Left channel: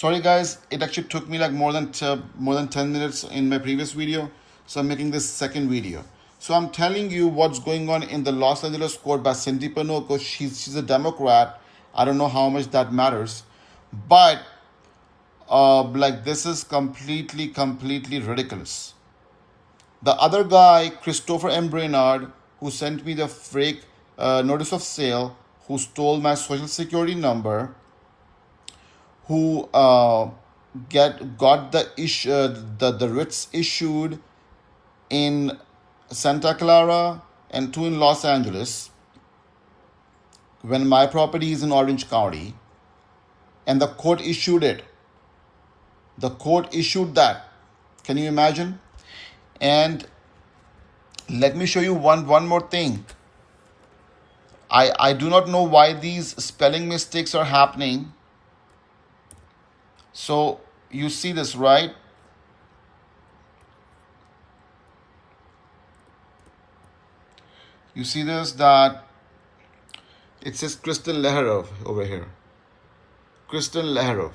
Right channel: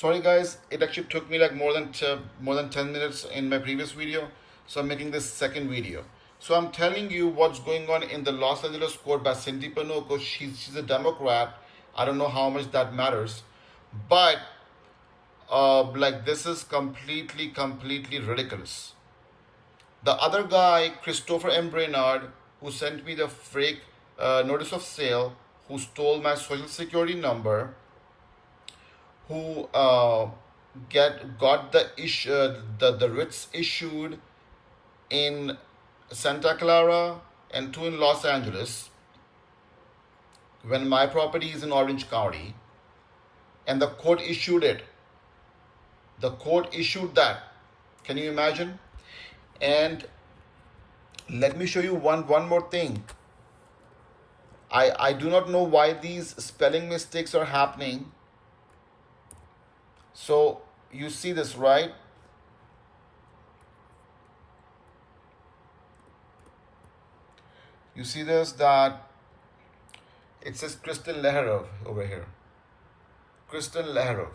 Sorry guys, it actually took me like more than 10 minutes in my previous video, so I'm making this second video. So I'm telling you what's going on in the Los Angeles court by Cindy Panuco. She's a Democrat. I don't know how much that matters, but like this is completely ridiculous. The other guy, Christopher M. Brainard, who sent me the fake notice of sale, who stole my social security number, who got the writs issued in Santa Clara and two in Los Angeles, when my property is in Orange County, and the court issued it. The court issued that. Can you imagine? And let me show you one more thing. I do not know why these spelling mistakes are happening. So you see this, right? You see this, that it says Kristen Leherov over here. Kristen Leherov.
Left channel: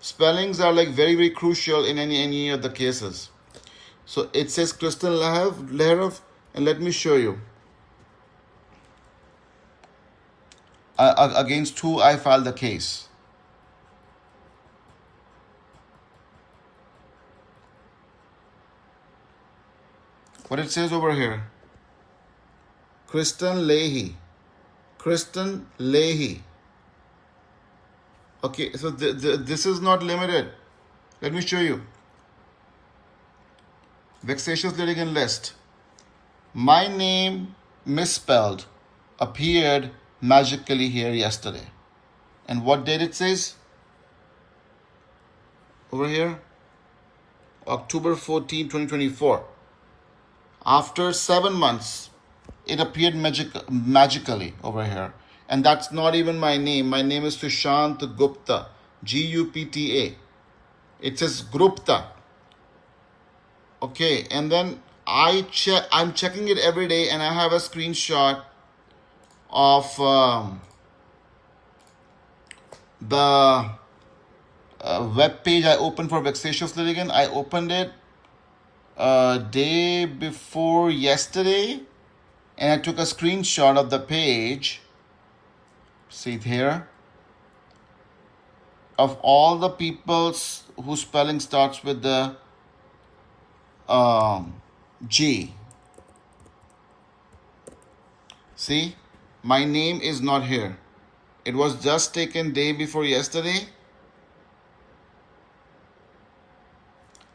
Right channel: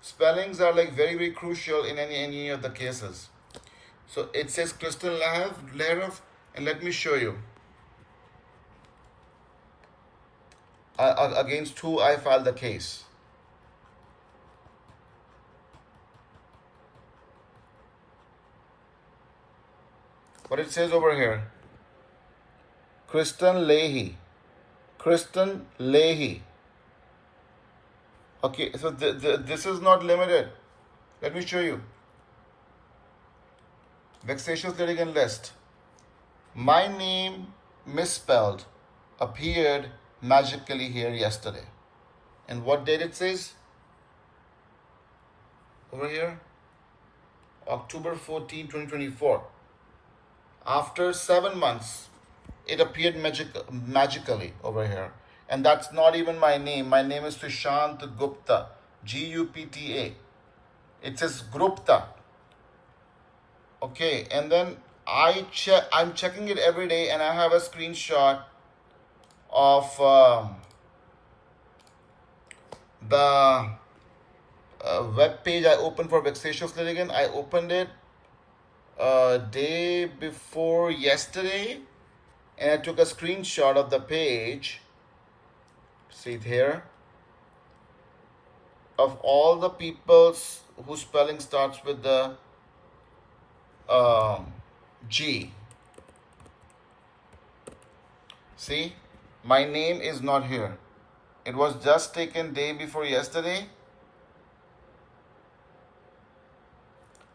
Spellings are like very crucial in any of the cases. So it says Kristen Leherov, and let me show you. Against who I filed the case. What it says over here. Kristen Leahy. Kristen Leahy. Okay, so this is not limited. Let me show you. Vexatious litigant list. My name misspelled appeared magically here yesterday. And what date it says? Over here. October 14, 2024. After 7 months, it appeared magically over here. And that's not even my name. My name is Sushant Gupta. Gupta. It says Gupta. Okay, and then I'm checking it every day, and I have a screenshot of the web page I opened for Vexatious Litigant. I opened it day before yesterday, and I took a screenshot of the page. See it here, of all the people whose spelling starts with the G. See, my name is not here. It was just taken day before yesterday.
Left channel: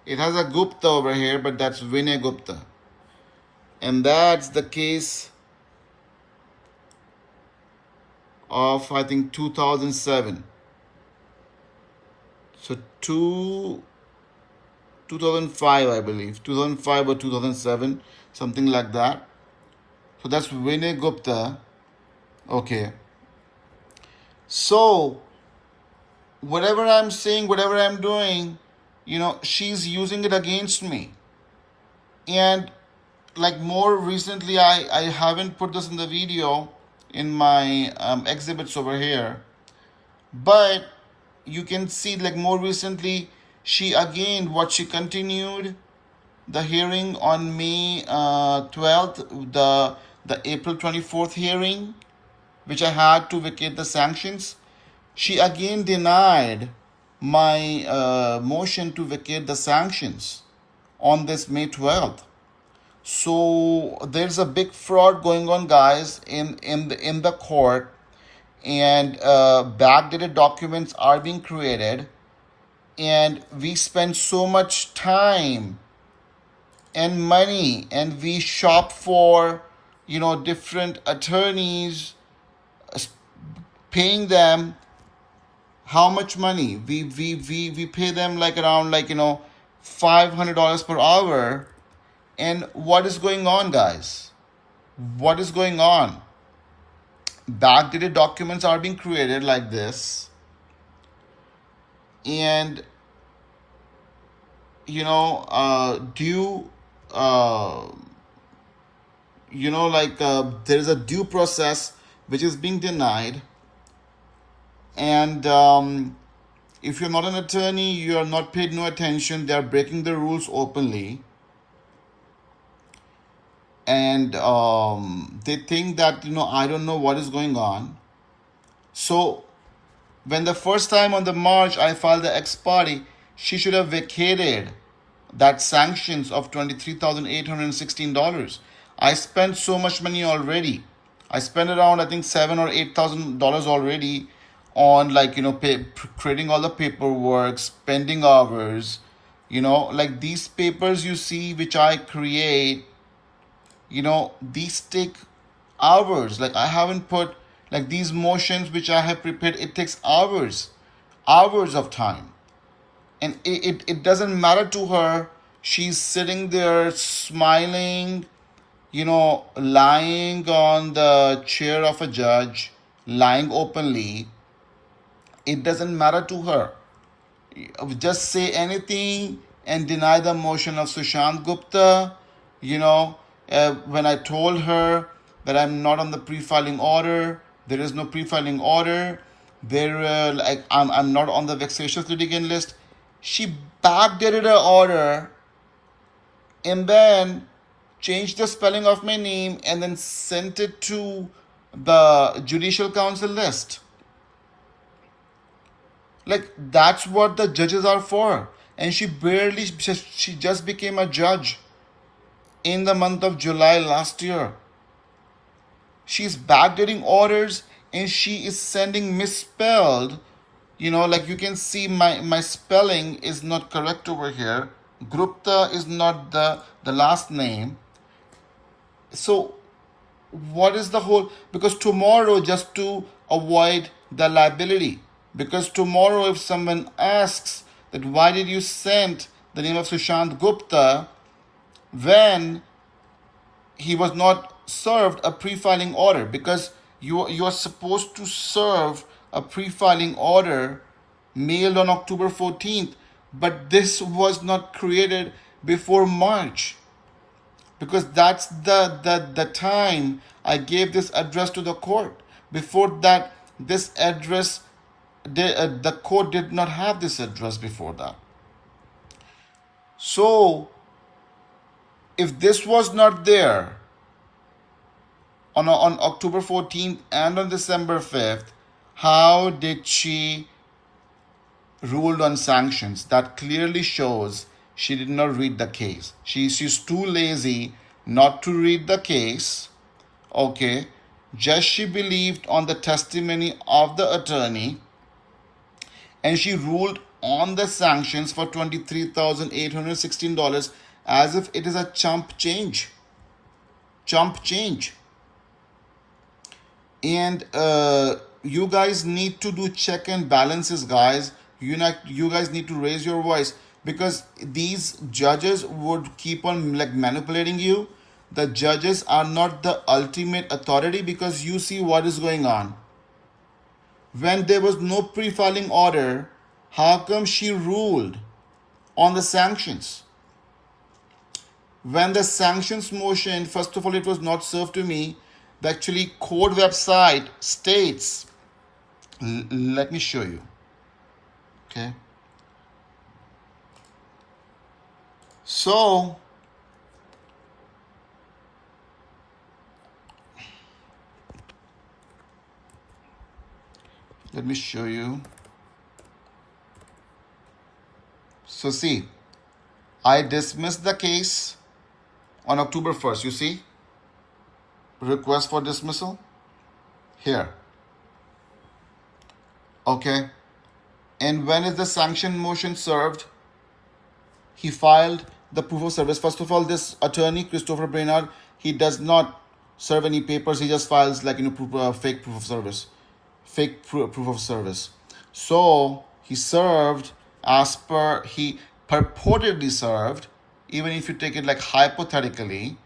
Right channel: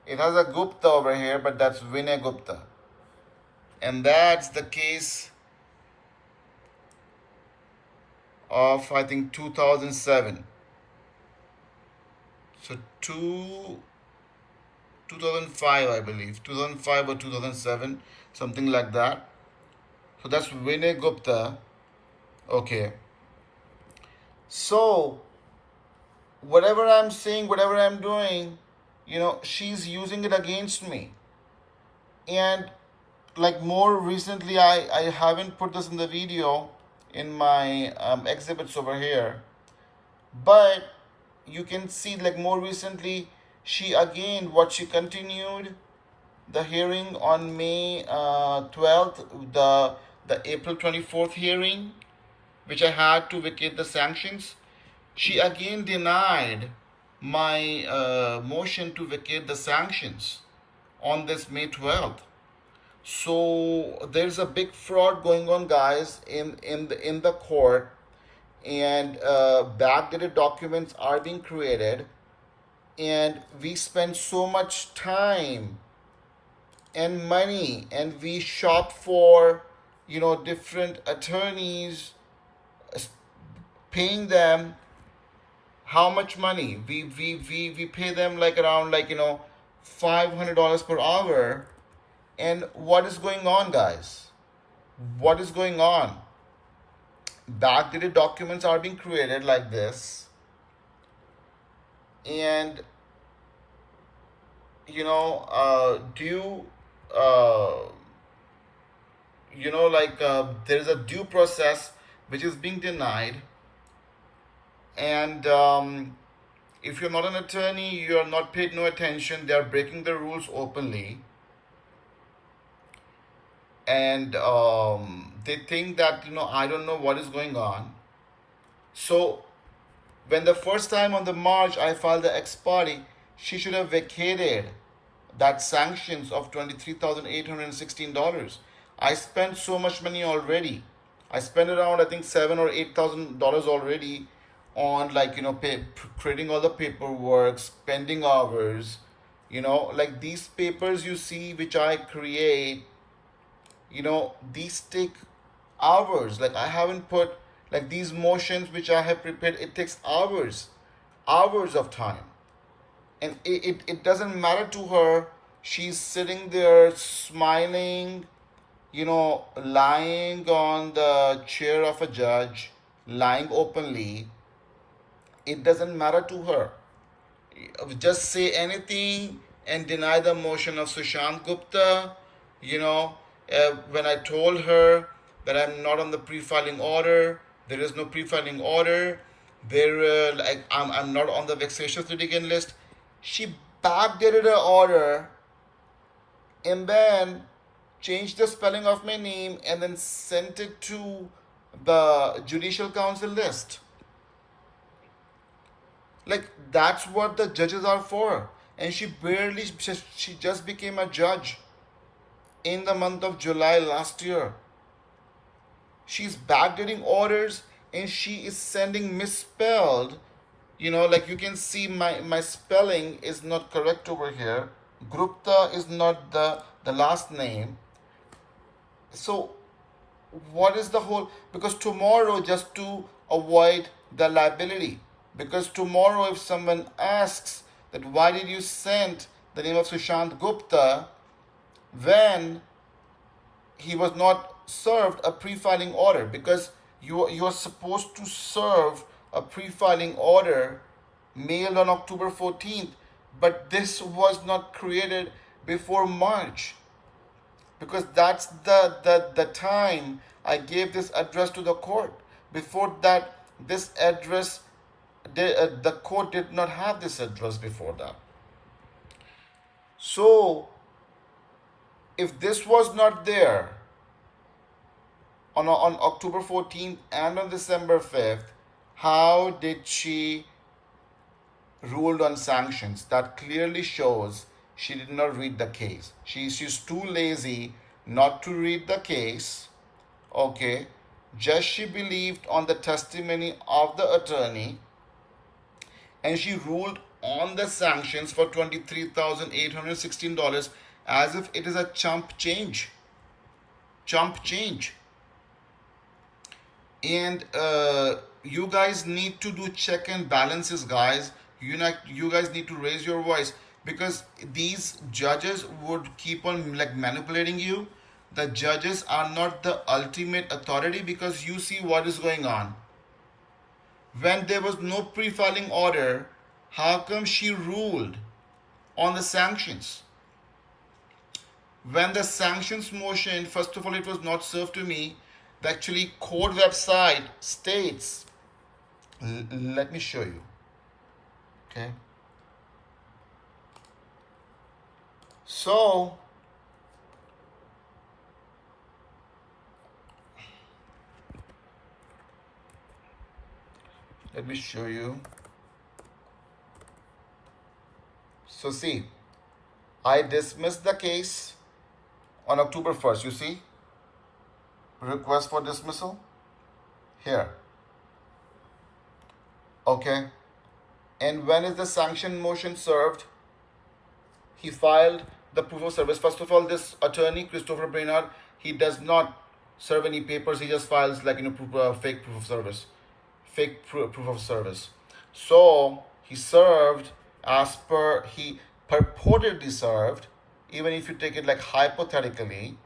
It has a Gupta over here, but that's Vinay Gupta. And that's the case of, I think, 2007. So 2005, I believe. 2005 or 2007, something like that. So that's Vinay Gupta. Okay. So whatever I'm saying, whatever I'm doing, she's using it against me. And like more recently, I haven't put this in the video in my exhibits over here, but you can see like more recently, she continued the hearing on May 12th, the April 24th hearing, which I had to vacate the sanctions. She again denied my motion to vacate the sanctions on this May 12th. So there's a big fraud going on, guys, in the court, and backdated documents are being created, and we spend so much time and money, and we shop for different attorneys, paying them how much money? We pay them like around $500 per hour. And what is going on, guys? What is going on? Backdated documents are being created like this. And, there's a due process which is being denied. And if you're not an attorney, you're not paid no attention. They're breaking the rules openly, and they think that I don't know what is going on. So when the first time on the March I filed the ex parte, she should have vacated that sanctions of $23,816. I spent so much money already. I spent around, I think, $7,000 or $8,000 already on, like, creating all the paperwork, spending hours. Like these papers you see which I create, these take hours. Like I haven't put, like, these motions which I have prepared, it takes hours of time. And it doesn't matter to her. She's sitting there smiling, lying on the chair of a judge, lying openly. It doesn't matter to her. Just say anything and deny the motion of Sushant Gupta. When I told her that I'm not on the pre-filing order, there is no pre-filing order. I'm not on the vexatious litigant list. She backdated her order and then changed the spelling of my name and then sent it to the Judicial Council list. Like, that's what the judges are for. And she just became a judge in the month of July last year. She's backdating orders and she is sending misspelled. Like you can see my spelling is not correct over here. Gupta is not the last name. So what is the whole, because tomorrow, just to avoid the liability, because tomorrow if someone asks that why did you send the name of Sushant Gupta when he was not served a pre-filing order, because you are supposed to serve a pre-filing order mailed on October 14th, but this was not created before March, because that's the time I gave this address to the court. Before that, this address, the court did not have this address before that. So if this was not there on October 14th and on December 5th, how did she ruled on sanctions? That clearly shows she did not read the case. She's too lazy not to read the case. Okay, just she believed on the testimony of the attorney, and she ruled on the sanctions for $23,816 as if it is a chump change. And you guys need to do check and balances, guys. You guys need to raise your voice, because these judges would keep on, like, manipulating you. The judges are not the ultimate authority, because you see what is going on. When there was no pre-filing order, how come she ruled on the sanctions? When the sanctions motion, first of all, it was not served to me. The actually court website states, let me show you. Okay. So let me show you. So see, I dismissed the case on October 1st. You see, request for dismissal here. Okay. And when is the sanction motion served? He filed the proof of service. First of all, this attorney, Christopher Brainard, he does not serve any papers. He just files, like, fake proof of service. Proof of service. So he served as per, he purportedly served, even if you take it like hypothetically,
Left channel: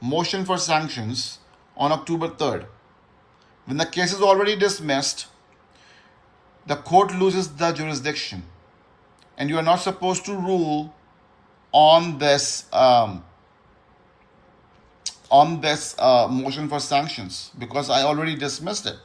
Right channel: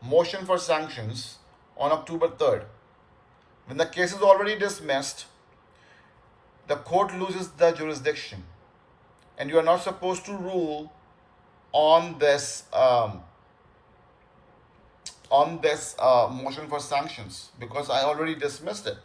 motion for sanctions on October 3rd. When the case is already dismissed, the court loses the jurisdiction, and you are not supposed to rule on this motion for sanctions, because I already dismissed it.